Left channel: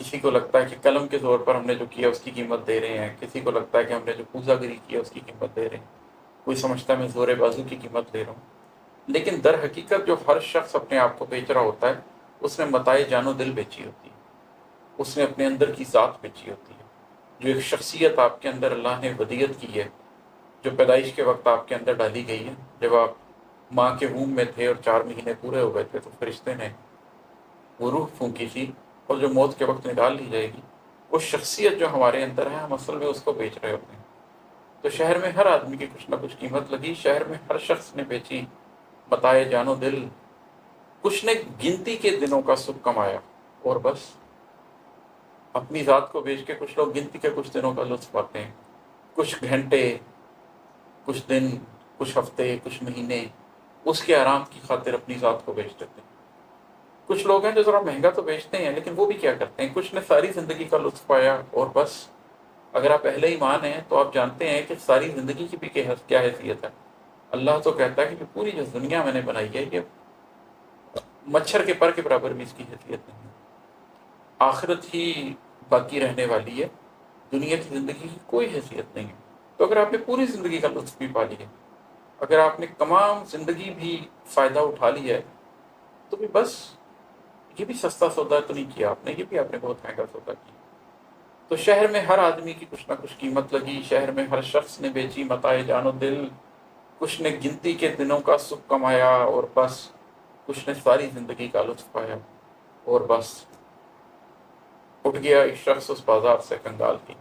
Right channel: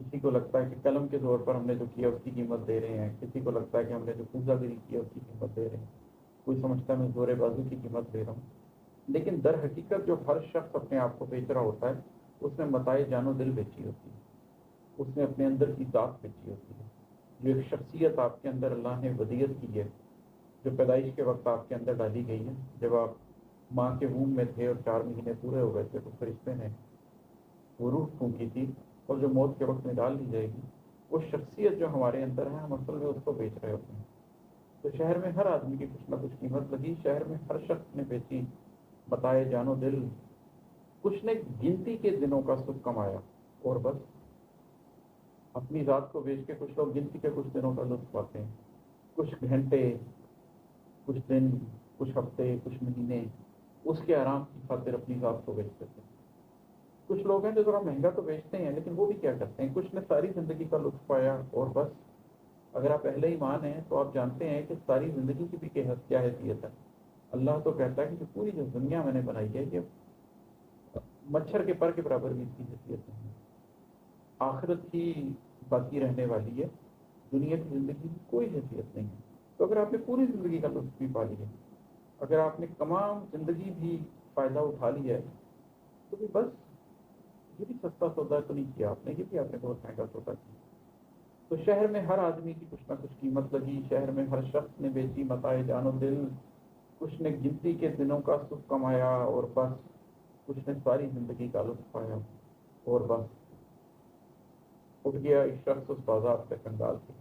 کسی کو لگتا ہے کہ قلم کے زور پر ہم نے جو کیا اس کی قیمت دے رہے ہیں، کسی کو لگتا ہے کہ ہم نے جو پوزا گری کیا اس کی قیمت دے رہے ہیں، کوئی سمجھتا ہے میں زور بازو کی قیمت دے رہا ہوں۔ لیکن در حقیقت جو ہر شخص اپنے آپ کو بیچ رہا ہوتا ہے، اس نے متاع جان و دل بیچی ہوتی ہے، اس نے اپنے اندر کی ذات بیچی ہوتی ہے، جو ایک شخصیت آپ کے اندر اللہ نے ودیت کی ہے، جو پیدائش کے وقت آپ کے اندر ڈالی گئی ہے۔ جب آپ ماں کے وomb میں تھے اور 4 مہینے پورے ہو گئے تھے تو فرشتے نے وہ روح پھونکی تھی، اور جو موت کے وقت نکال لی جائے گی، وہ شخصیت جو ہمارے اندر ہے، ہم اصل میں اس کو بیچ رہے ہوتے ہیں۔ تو شہر میں ہر آدمی کی کچھ نہ کچھ قیمت لگی، شہر میں ہر شخص نے بیچی متاع جان و دل، کچھ نے گنتی کے دنوں کا سکھ کمایا، اور بس اپنی ذات کو بیچ کے کچھ لوگ گنتی کے کچھ دنوں کا لطف پاتے ہیں، کچھ گھنٹے، کچھ دن، کچھ ہفتے، کچھ مہینے اس کے آرام کی خاطر اپنی ذات کو بیچ دیتے ہیں۔ کچھ لوگ ہیں جو ذرا مہنگا تو بیچتے ہیں، لیکن وہ بھی کیا کرتے ہیں، کچھ نے ساری زندگی کا لطف پایا اور بس۔ اگر آپ اہل ایمان ہیں تو آپ جانتے ہیں کہ ساری زندگی کی بھی کیا حیثیت ہے۔ اللہ تو کہتا ہے کہ پوری جو دنیا میں نے بنائی ہے، یہ مچھر کے پر کے برابر بھی اس کی حیثیت نہیں ہے۔ آخرت ہی باقی رہنے والی ہے، دنیا کی زندگی کی کوئی حیثیت نہیں ہے۔ تو اگر آپ نے پوری زندگی کا لطف بھی پا لیا، اگر آپ نے تمام زندگی بھی فائدہ اٹھا لیا ہے، تو بھی بس یہ بھی سستا سودا تو نہیں کیا آپ نے، یہ بھی آپ نے بہت مہنگا سودا کیا۔ تو شہر میں ہر آدمی کی کچھ نہ کچھ قیمت لگی، شہر میں ہر شخص نے بیچی متاع جان و دل، کچھ نے گنتی کے دنوں کا سکھ کمایا اور بس، کچھ نے ساری زندگی کا لطف پایا اور بس۔ اٹھ گیا ایک شخص اس بازار سے کنگال ہی،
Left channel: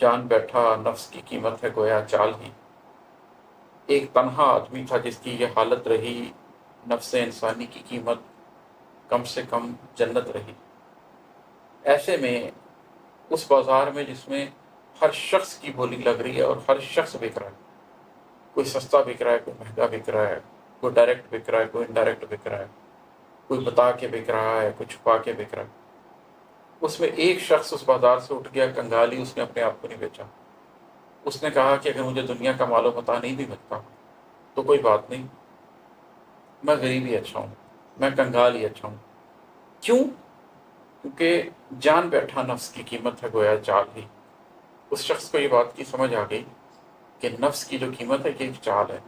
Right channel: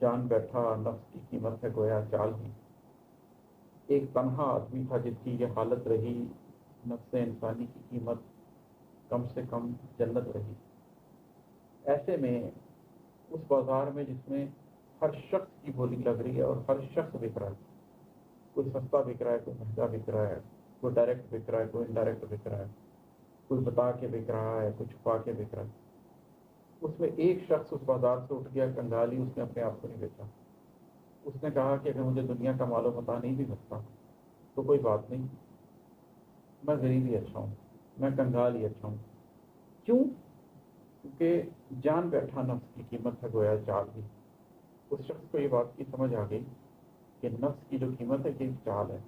جان بیٹھا نفس کی قیمت ہے گویا چال ہی۔ ایک تنہا آدمی تھا جس کی یہ حالت رہی، نفس انسانی کی قیمت کم سے کم جنت رہی۔ ایسے میں اس بازار میں جس میں ہر شخص کی بولی لگ رہی ہے اور ہر شخص بک رہا ہے، کوئی سستا بک رہا ہے، کوئی مہنگا بک رہا ہے، کوئی ڈائریکٹ بک رہا ہے، کوئی انڈائریکٹ بک رہا ہے، کوئی بتا کے بک رہا ہے، کوئی چھپا کے بک رہا ہے، اس میں ایک شخص اس بازار سے اٹھ گیا کنگالی، اس نے اپنے آپ کو نہیں بیچا۔ اس نے کہا کہ اگر مجھے دنیا کا مال و متاع نہیں بھی ملتا تو کوئی بات نہیں، میں غریب ہی اچھا ہوں، میں کنگال ہی اچھا ہوں۔ کیوں؟ کیونکہ جان بیٹھا نفس کی قیمت ہے گویا چال ہی۔ اس شخص کو یہ بات کی سمجھ آ گئی کہ نفس کی جو قیمت ہے کہ ایک چال ہے،